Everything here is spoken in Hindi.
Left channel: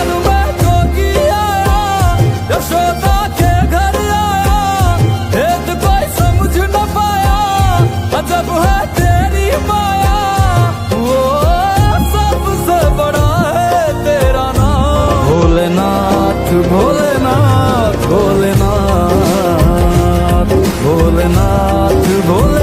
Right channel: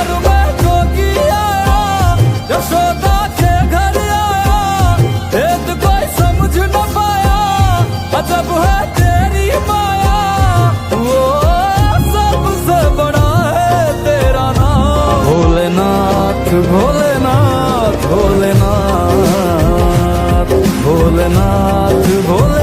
नगर में जोगी आया, यशोदा के घर आया, भेद कोई समझ न पाया, अजब है तेरी माया। वो सबसे बड़ा है तेरा नाम, भोलेनाथ भोलेनाथ भोलेनाथ भोलेनाथ भोले